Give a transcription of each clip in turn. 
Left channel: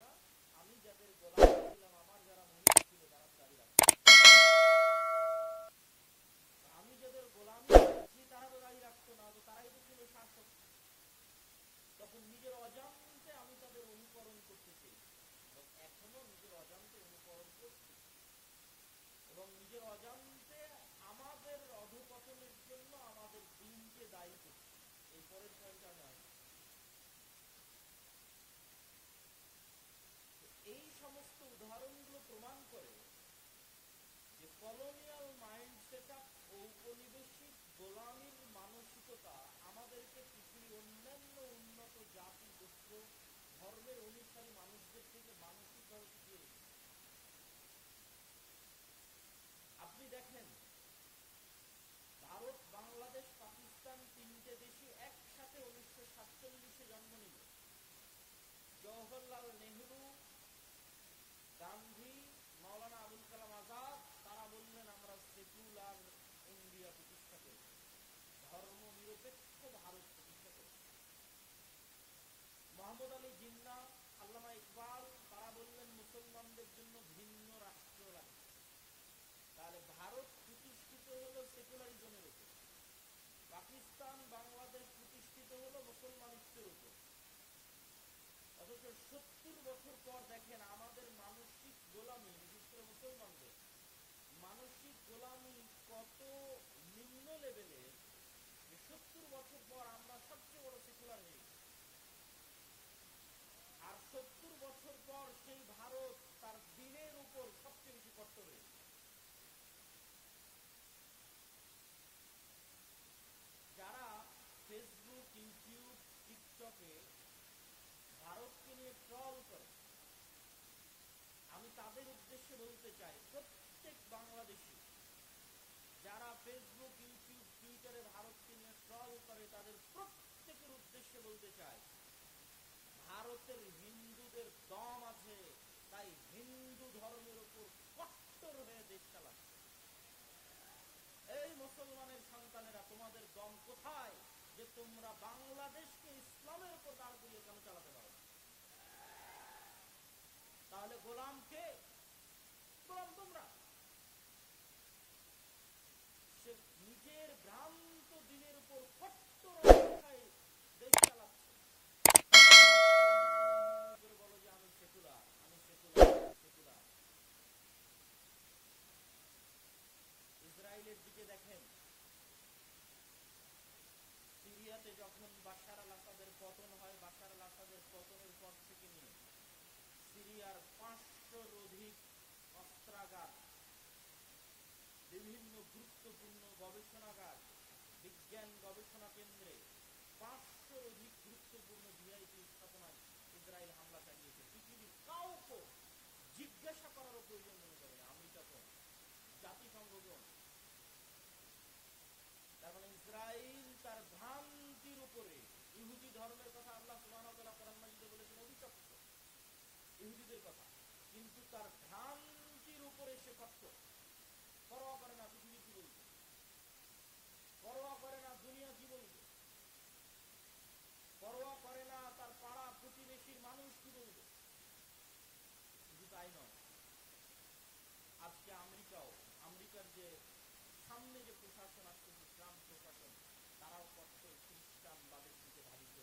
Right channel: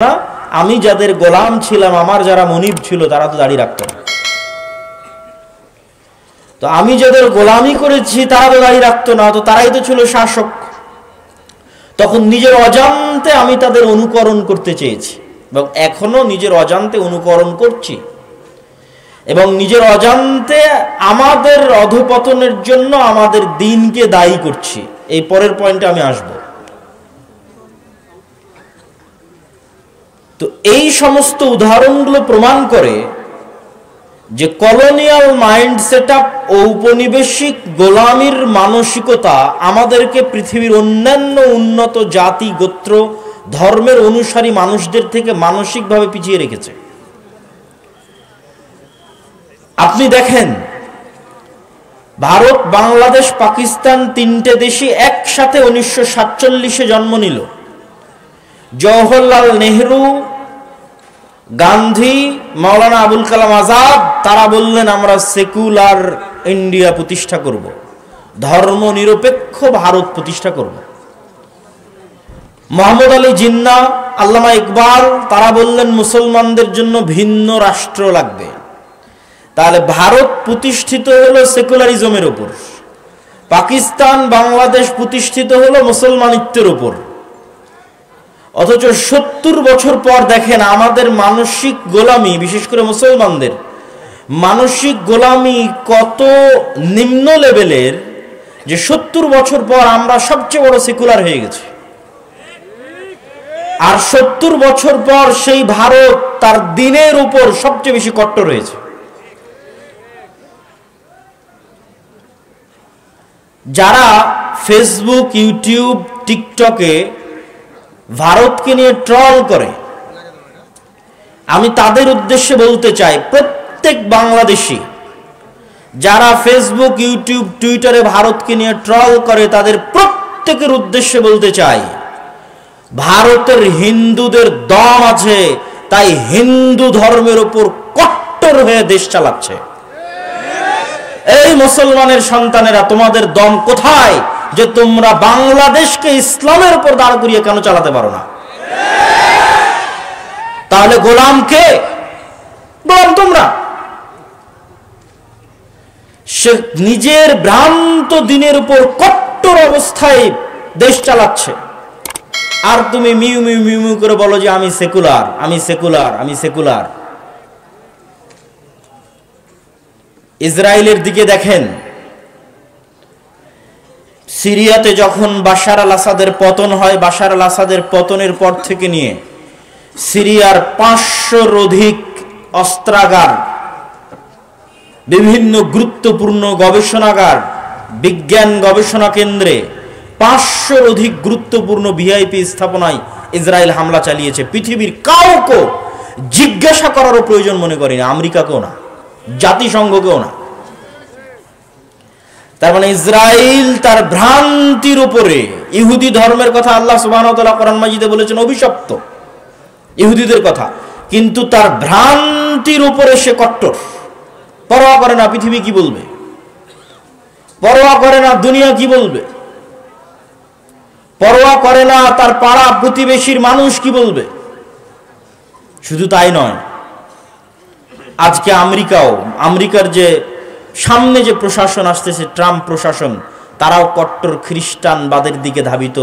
না, আমি যাদের গোলাম ছিলাম, আমার যারা মনিব ছিল, তারা তো দাড়ি রাখতো না। তো আমি যাদের গোলামি করেছি তারা তো দাড়ি রাখতো না, তো তারাই তো ছিল শাসক। তখন নিজের অজান্তে আমি তাদের অনুকরণ করতে চেয়েছি এবং এখনো নিজের অজান্তে অনুকরণ করছি, এবং নিজের অজান্তে আমাদের অধঃপতনের জন্য আমাদের দিনকে দায়ী করছি। এই পরের পয়েন্টে আমি আসব। তো এই সমস্ত উদাহরণগুলো প্রমাণ করে যে কলোনিয়াল মাইন্ড সেটআপ ও উপনিবেশিক গোলামির মানসিকতা আমাদেরকে পৃথিবীর অন্যান্য উন্নত জাতি, গোত্র, ধর্মের অনুসারী মানুষদের থেকে মানসিকভাবে পিছিয়ে রেখেছে। আপনি দেখেন, ভারত, বাংলাদেশ, পাকিস্তান তিনটে দেশই একসাথে 1947-এ জন্ম নিল। জওহরলাল নেহরু, গান্ধী, মাওলানা আবুল কালাম আজাদ তারা বললেন আমরা সেকুলার ইন্ডিয়া প্রতিষ্ঠা করব, ধর্ম নিরপেক্ষ ভারত প্রতিষ্ঠা করব। মোহাম্মদ আলী জিন্না, আল্লামা ইকবাল তারা বললেন মুসলমানদের জন্য ভিন্ন রাষ্ট্র লাগবে। তাহলে ভারত প্রতিষ্ঠিত হলো সেকুলারিজমের উপর, পাকিস্তান, বাংলাদেশ প্রতিষ্ঠিত হলো মুসলমানিত্বের উপর। অথচ 70 বছর পর দেখেন আমাদের মানসিক গোলামি, বিশেষ করে মুসলমানদের মানসিক গোলামি কত নিম্ন লেভেলের যে 70 বছর পর আমরা সবচেয়ে বড় সেকুলার হয়ে গেছি। আর 70 বছর পর সেই ভারত তার দিনের উপর সবচেয়ে বেশি কট্টর হয়েছে। যারা ফেসবুক, ইউটিউব, টিকটকে ভারতকে নিয়ে ট্রল করে, আমি তাদের উদ্দেশ্যে বলতে চাই, প্রত্যেক বাংলাদেশী যারা ফেসবুক, ইউটিউব, টুইটারে ভারতকে নিয়ে ট্রল করে, তাদের প্রত্যেকের উদ্দেশ্যে বলতে চাই, ভারতের হিন্দুদের দম আছে, তাই হিন্দু ধর্মের উপর কট্টর হয়ে দেশ চালাচ্ছে। এই মুসলমানের সন্তানেরা, তোমাদের দম কোথায় যে তোমরা বাংলাদেশকে ইসলামের উপর দাঁড় করিয়ে কেন চালাতে পারো না? তাহলে গোলাম কে? গোলাম তোমরা। সে নিজের ভ্রান্ত দিনের উপর কট্টর অবস্থায় দেশ চালাচ্ছে, আর তুমি মিউ মিউ মিউ মিউ করে বলো যে আমি সেকুলার, আমি সেকুলার, আমি সেকুলার। ইসরায়েলের দিকে দেখেন, সিরিয়াতে যখন বাশার আল আসাদের পতন হয়, বাশার আল আসাদের পতনের পর থেকে নিয়ে সিরিয়ার 500-র অধিক অস্ত্রাগার, বিভিন্ন গুরুত্বপূর্ণ গবেষণাগার, বিজ্ঞান গবেষণা কেন্দ্রে 500-র অধিক গুরুত্বপূর্ণ ভিআইপি স্থাপনায় ইসরায়েল হামলা চালিয়েছে। পৃথিবীর কাউকে জিজ্ঞাসা করারও প্রয়োজন মনে করি না, আমেরিকাকেও না, জাতিসংঘকেও না। তার মানে ইসরায়েল তার ভ্রান্তির উপরে, ইহুদি ধর্মের কথা আল্লাহ সুবহানাহু ওয়া তাআলা কোরআন মাজিদে বলেছেন অভিশপ্ত ইহুদিদের কথা, কিন্তু তার ভ্রান্তির উপরে সে কট্টর। পরোয়া করে না পৃথিবী কি বলবে, পরোয়া করে না দুনিয়া কি বলবে, পরোয়া করে না তার পাড়া প্রতিবেশীর মানুষ কি বলবে। শুধু তাই নয়, আজকে আমেরিকার যে সামনে যে প্রশাসন আসতেছে, ট্রাম্প প্রশাসন, তারাও কট্টর খ্রিস্টানবাদের দিকে ধাবিত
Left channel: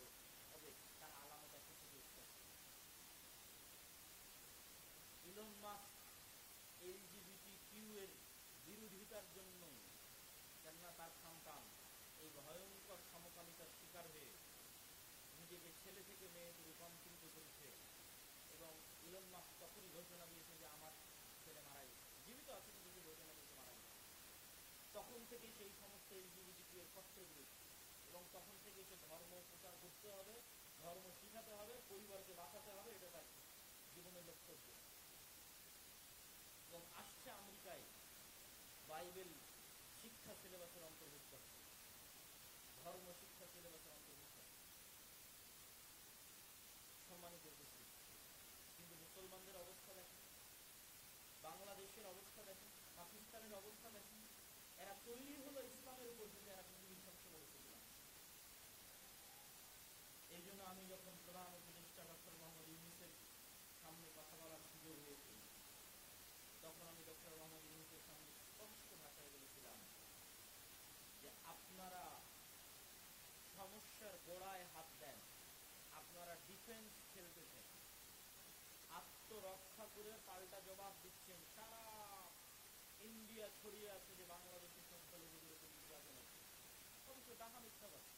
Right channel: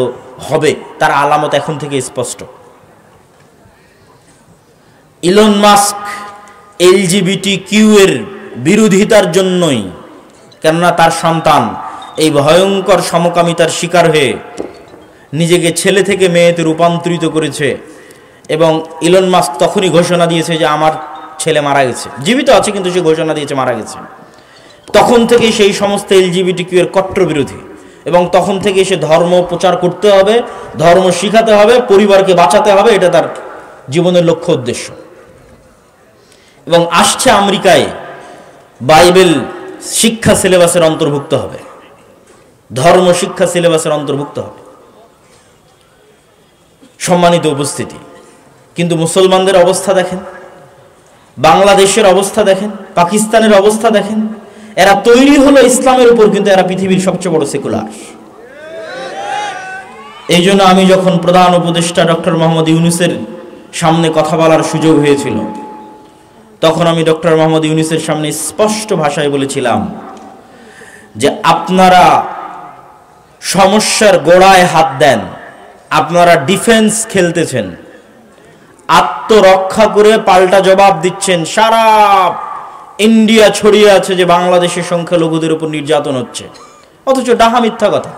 হবে, তার আলামত এখন থেকে স্পষ্ট। ইলন মাস্ক LGBTQ এর বিরোধিতার জন্যই, কেননা তার সন্তান এই ভয়ঙ্কর সমকামিতার শিকার হয়ে নিজেকে ছেলে থেকে মেয়েতে রূপান্তরিত করেছে, এবং ইলন মাস্ক তখনই ঘোষণা দিয়েছে যে আমার ছেলে মারা গেছে, জীবিত আছে কিন্তু সে ঘোষণা দিয়েছে মারা গেছে। তখন থেকে সেই সমস্ত LGBTQ এর কট্টর বিরোধী, এবং তখন থেকে সে ধর্ম প্রচার করতে হবে, ধর্ম শিখাতে হবে, পরিবারকে বাঁচাতে হবে, এটা তার জীবনের লক্ষ্য উদ্দেশ্য। এবং আসছে আমেরিকায় বাইবেল শিক্ষা সিলেবাসের অন্তর্ভুক্ত হবে, ধর্ম শিক্ষা সিলেবাসের অন্তর্ভুক্ত হবে। সম্মানিত উপস্থিতি, কিন্তু মুসলমানদের অবস্থা দেখেন, বাংলাদেশের অবস্থা দেখেন, পাকিস্তানের অবস্থা দেখেন। এরা তৈরি হলো ইসলামের উপর, কিন্তু এরা পৃথিবীর সবচেয়ে বড় সেকুলার। এই জন্য আমি যখন প্রধান উপদেষ্টা ডক্টর মোহাম্মদ ইউনূসের সামনে কথা বলার সুযোগ হয়েছিল। তখন আমি ডক্টর মোহাম্মদ ইউনূসের সামনে স্পষ্ট ভাষায় বলেছিলাম যে আপনারা সমস্যার গোড়ায় হাত দেন, আপনারা ডিফেন্স খেলতেছেন, আত্মরক্ষা করে পাল্টা জবাব দিচ্ছেন। সারা ইন্ডিয়া ছড়িয়ে আছে যে বাংলাদেশের সংখ্যালঘুদের উপর নির্যাতন হচ্ছে, অথচ ডাহা মিথ্যা কথা।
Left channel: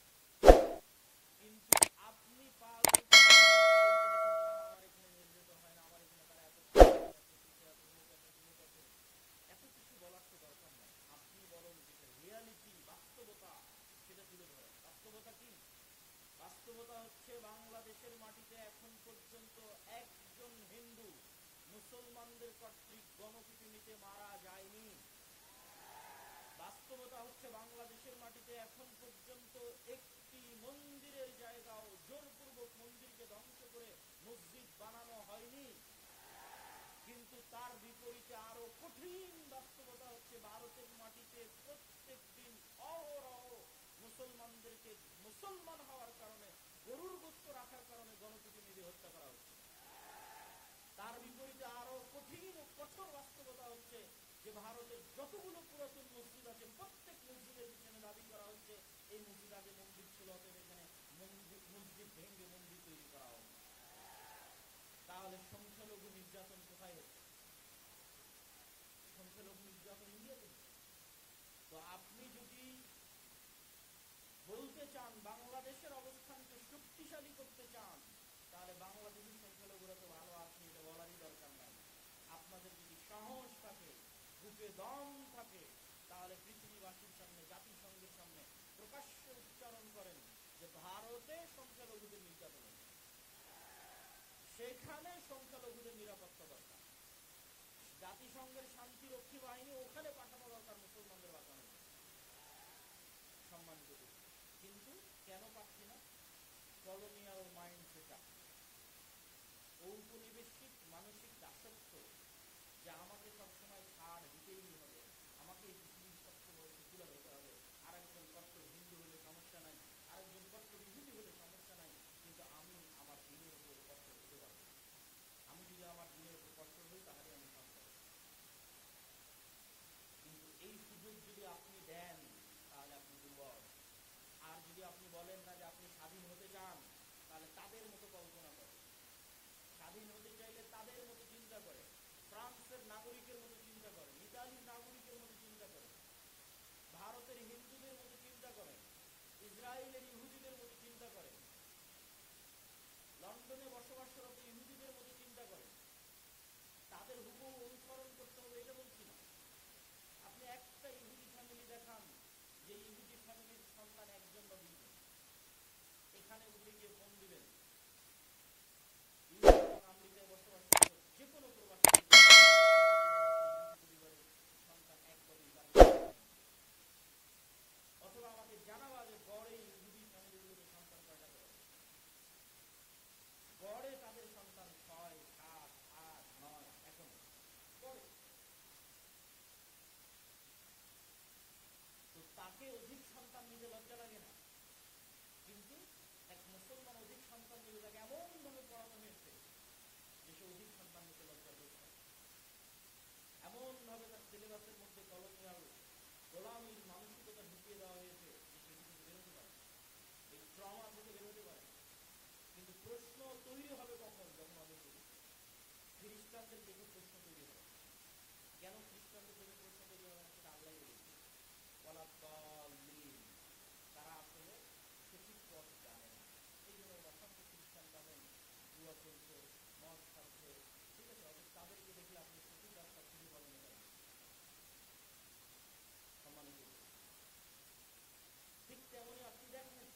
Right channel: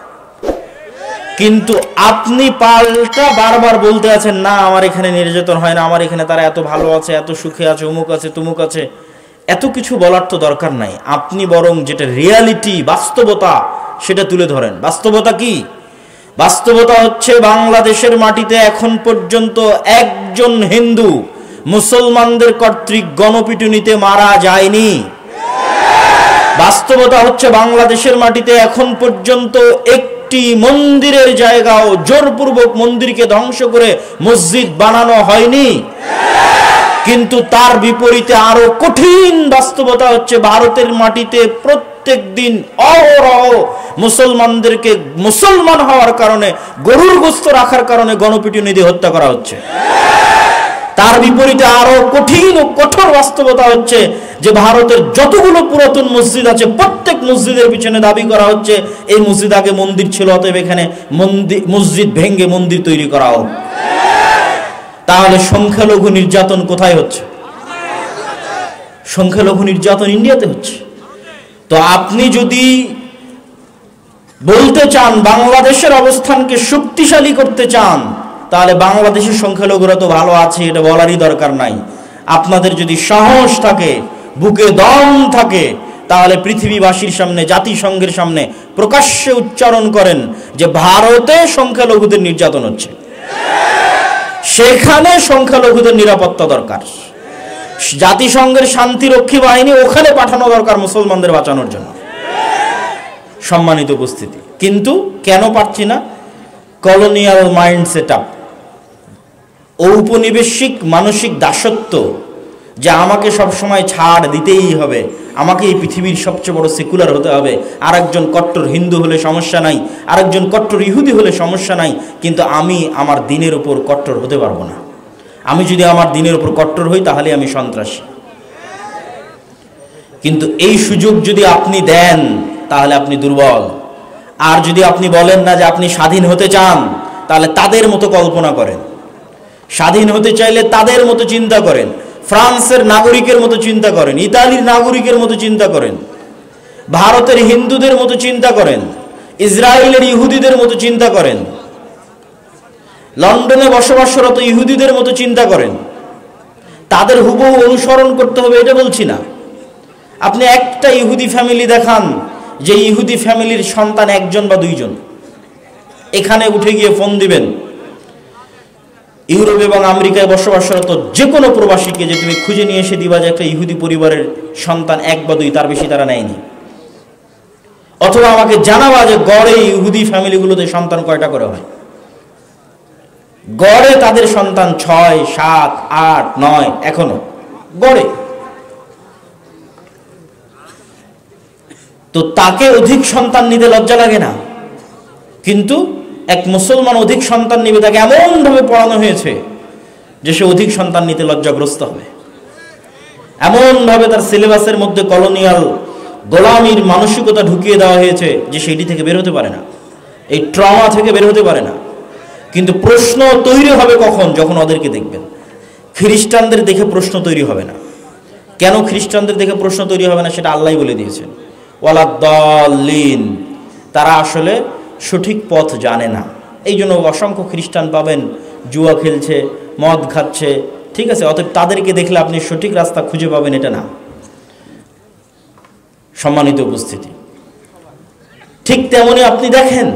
কিন্তু আপনি পাল্টা বারবার বলতে আছেন, না আমার এখানে নির্যাতন হয় না, আমার এখানে তারা এত ভালো আছে, এত সুখে আছে, অমুক আছে তুমুক আছে। এত কিছু বলার তো দরকার নাই, আপনি বরং যেটা রিয়ালিটি, বাস্তবতা, সেটা তুলে ধরেন। বাস্তবতা কি? বাস্তবতা হচ্ছে বাংলাদেশের মাটিতে এখন পর্যন্ত একজন হিন্দু মুসলমানদের কর্তৃক গণপিটুনিতে মারা যায়নি। বাস্তবতা হচ্ছে বাংলাদেশের মাটিতে এখন পর্যন্ত একটি মন্দিরের জায়গাও জোরপূর্বক মন্দিরকে ধ্বংস করে মসজিদ বানানো হয়নি। কিন্তু তার বিপরীতে আরো কঠিন বাস্তবতা হচ্ছে ভারতের মাটিতে প্রত্যেক দিন অহরহ মুসলমানদেরকে মুসলমান হওয়ার কারণে, গরুর গোশত রাখার কারণে গণপিটুনি দিয়ে হত্যা করা হচ্ছে। তার বিপরীতে আরো কঠিন ও কঠোর বাস্তবতা হচ্ছে যে ভারতের যতগুলো পুরাতন মসজিদ আছে প্রত্যেক মসজিদের পিছনে দাবি করা হচ্ছে এই মসজিদ আগে মন্দির ছিল, অতএব এখানে মসজিদ ভেঙ্গে মন্দির তৈরি করা হোক। তাহলে সংখ্যালঘু নির্যাতন কোথায় হচ্ছে? সংখ্যালঘু নির্যাতন ইন্ডিয়াতে হচ্ছে। তো আপনি যদি বলতে চান বাংলাদেশের অবস্থানকে শক্তিশালী করতে চান, তাহলে বাংলাদেশের সংখ্যালঘুরা তো ভালো আছে এটা বলারই দরকার নাই। আপনাদের যদি সাহস থাকে, বুকে দম থাকে, তাহলে পৃথিবীবাসীর সামনে, জাতিসংঘের সামনে প্রকাশ্যে উচ্চারণ করেন যে ভারতে সংখ্যালঘুদের নির্যাতন হচ্ছে, সেখানে সংখ্যালঘুদের নিরাপত্তা দরকার, জাতিসংঘের শান্তিরক্ষী বাহিনী ওখানে পাঠানো দরকার মুসলমানদের বাঁচানোর জন্য। সম্মানিত উপস্থিতি, কিন্তু কেন পারছি না? কলোনিয়াল মাইন্ড সেটআপ, ঔপনিবেশিক মানসিক দাসত্ব, যে আমাকে সবসময় ছাড় দিতেই হবে, আমাকে এই পৃথিবীর সবচেয়ে বড় সেকুলার হতে হবে, আরেকজন কট্টর হিন্দু হলে সমস্যা নাই, আরেকজন কট্টর ইহুদি হলে সমস্যা নাই, কিন্তু আমি আমার দিনের উপর কট্টর হতে পারবো না। আমি যদি আমার দিনের উপর কট্টর হই তাহলে আমি সন্ত্রাসী। কিন্তু এই সুযোগ যদি আপনি দেন তাহলে আপনি দুর্বল। আর যদি আপনি বলেন না যে আপনি স্বাধীন হতে চান, তাহলে তাদের মতো কল্পনা করেন, স্বাধীন হতে চাইলে তাদের মতো চিন্তা করেন, ফ্রান্সের নাগরিকের মতো চিন্তা করেন, ইতালির নাগরিকের মতো চিন্তা করেন, ভারতের হিন্দুদের মতো চিন্তা করেন, ইসরায়েলের ইহুদিদের মতো চিন্তা করেন, লন্ডনে বসবাসরত ইহুদিদের মতো চিন্তা করেন। তাদের হুবহু অনুসরণ করতে হবে এটা বলছি না। আপনি একটা ইহুদি ফ্যামিলি দেখান যে ইহুদি ফ্যামিলির সন্তান একজন বা দুইজন, এখানে উঠে গিয়ে ফোন দিবেন ইউরোপ এবং আমেরিকায় বসবাসরত যে কোনো প্রবাসীকে, যে তুমি খুঁজে নিয়ে এসে দিবা যে একটা ইহুদি পরিবারের সন্তান এক বা দুই, তার বেশি তারা নেয়নি। অথবা আমাকে জানাবা যে গড়ে ইহুদি ফ্যামিলিগুলোতে সন্তান কয়টা করে হয়। গড়ে তাদের সন্তান 6, 7, 8, 9 এখনো গড়ে। তো তাকে অধিক সন্তান নিতে লজ্জা লাগে না, কিন্তু এক মুসলমান অধিক সন্তান নিবে, তাকে এমন ভাবে পড়ানো হয়েছে যে সে অধিক সন্তান নিতে লজ্জাগ্রস্ত হবে। এমন ভাবে তার সিলেবাসের মধ্যে কলোনিয়াল গোলামির মানসিকতা ঢুকিয়ে দেওয়া হয়েছে যে সেটি থেকে বের হতে পারে না, এই ট্রমা থেকে বের হতে পারে না। কিন্তু প্রশ্ন তৈরি হবে কখন? যখন ওদেরকে দেখবেন। খ্রিস্টানদের দেখে প্রশ্ন তৈরি হবে না। কেন খ্রিস্টানদের দেখে প্রশ্ন তৈরি হবে না সেটা আল্লাহই বলে দিয়েছেন, ওয়ালাদ্দাল্লিন, তারা আসলে সঠিক পথ জানে না। এই জন্য অসংখ্য খ্রিস্টান পাবেন জুয়া খেলছে, মদ খাচ্ছে, ঠিক আছে? অতএব তাদেরকে দেখলে আপনি সঠিক রাস্তা খুঁজে পাবেন এটা না। সম্মানিত উপস্থিতি, ঠিক তেমনি আপনি দেখেন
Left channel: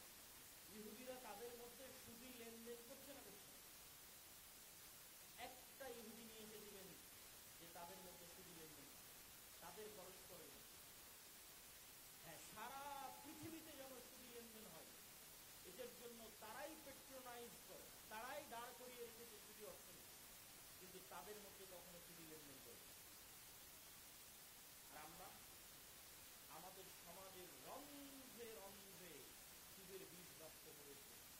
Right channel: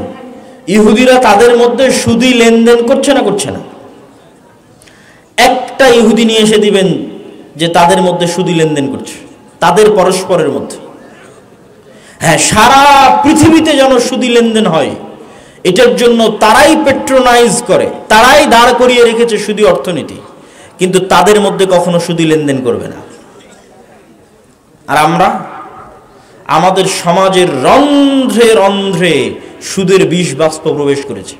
ইহুদিরা তাদের মধ্যে সুদি লেনদেন করছে না করছে না? একটা ইহুদি নিয়ে এসে দিবেন যে তাদের মধ্যে সুদি লেনদেন করছে, তাদের পরস্পরের মধ্যে। হ্যাঁ, সারা পৃথিবীতে যেন সুদি লেনদেন হয়, এটার জন্য তারাই পেট্রোনাইজ করে, তারাই দাঁড় করিয়ে রেখেছে সুদি অর্থনীতি, কিন্তু তাদের মধ্যে কখনো সুদি লেনদেন করবে না। আর আমরা আমাদের সমাজের রন্ধ্রে রন্ধ্রে সুদের বিষ বাষ্প প্রবেশ করেছে।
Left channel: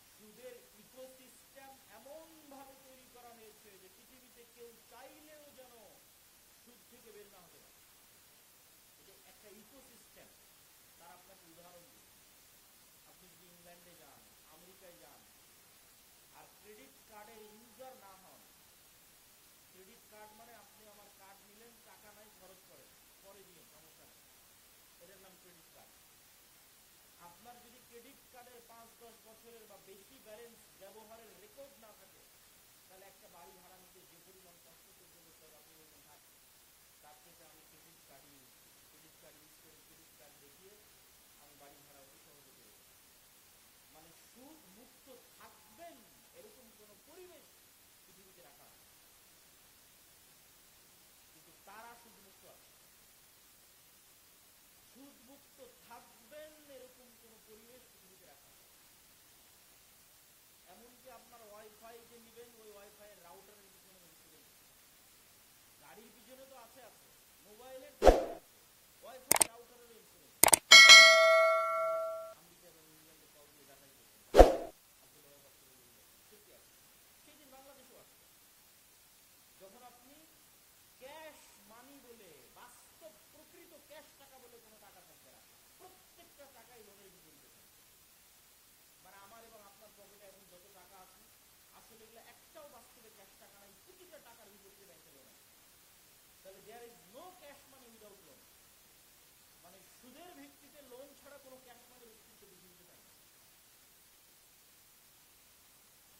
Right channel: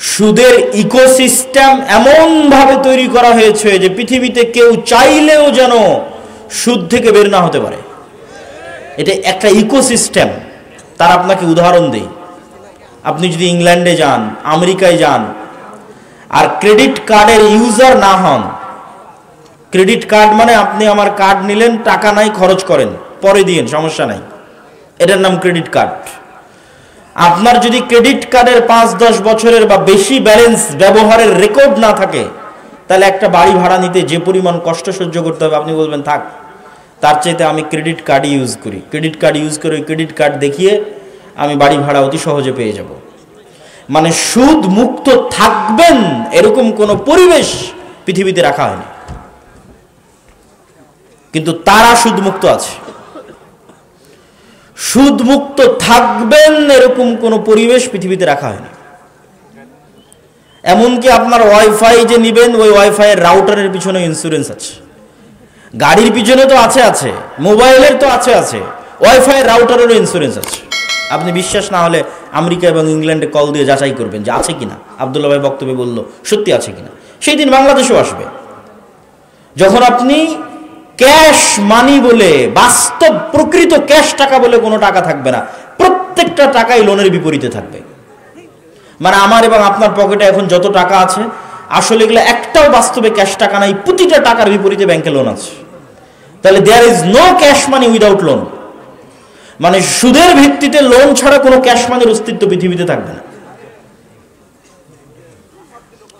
সুদের ইকোসিস্টেম এমন ভাবে তৈরি করা হয়েছে যে পৃথিবীতে কেউ চাইলেও যেন সুদ থেকে বের না হতে পারে। এটা একটা ইকোসিস্টেম। তার আপনাকে উদাহরণ দেই, আপনি যদি ইংল্যান্ডে যান, আমেরিকায় যান, আর ক্রেডিট কার্ডের ইউজার না হন, ক্রেডিট কার্ড মানে আপনি আমার কার্ড নিলেন, টাকা নাই, খরচ করেন, পরে দিয়েন, সমস্যা নাই, এটার নাম ক্রেডিট কার্ড। আপনার যদি ক্রেডিট কার্ডের 5-10 বছরের বা বেশি ব্যালেন্স ব্যবহারের রেকর্ড না থাকে, তাহলে একটা বাড়ি ভাড়া নিতে যে পরিমাণ কষ্ট সহ্য করতে হবে, আপনি বলবেন থাক, তার চাইতে আমি ক্রেডিট কার্ডই ইউজ করি। ক্রেডিট কার্ড ইউজ করে ওই ক্রেডিট কার্ড দেখিয়ে আমি বাড়ি ভাড়া অতি সহজে পেয়ে যাব। মানে সুদ মুক্ত থাকবেন এরকম কোন পরিবেশ পৃথিবীতে রাখা হয়নি, কিন্তু তারা সুদ মুক্ত আছে। সুদ মুক্ত থাকবেন এরকম কোন পরিবেশ পৃথিবীতে রাখা হয়নি। এমনকি আপনার ওয়াইফাই যে নিবেন, ওই ওয়াইফাই এর রাউটারের পিছনে ইন্স্যুরেন্স আছে, গাড়ির পিছনে তো আছে, মোবাইলের তো আছে, ওয়াইফাই এর রাউটারেরও ইন্স্যুরেন্স আছে। আপনি বিশ্বাস না হলে আমেরিকা এবং ইংল্যান্ডে কল দিয়ে যাচাই করবেন যে আছে কিনা। আব্দুল্লাহ ভাই বক্তব্যে বলল সত্যি আছে কিনা। সেই দিন বাংলাদেশেও আসবে যখন আপনি ক্যাশ মানি বলে, বাস্তব প্রকৃত ক্যাশ টাকা বলে কোনো টাকা থাকবে না, প্রত্যেকটা টাকাই লোনের বিপরীতে থাকবে। মানে আমার এবং আপনার পকেটে এখন যত টাকা আছে, আসলে এগুলো একটাও বাস্তবে ক্যাশ টাকা নাই, প্রতিটা টাকার বিপরীতে ব্যাংকে লোন আছে। তাহলে there is no cash money without loan. মানে সুদের ভিত্তিতে লোন ছাড়া কোনো ক্যাশ মানির অস্তিত্ব পৃথিবীতে থাকবে না।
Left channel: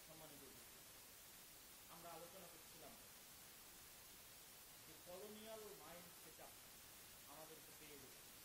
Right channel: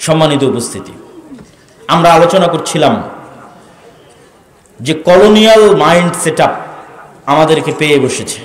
সম্মানিত উপস্থিতি, আমরা আলোচনা করছিলাম যে কলোনিয়াল মাইন্ড সেটআপ আমাদেরকে পেয়ে বসেছে।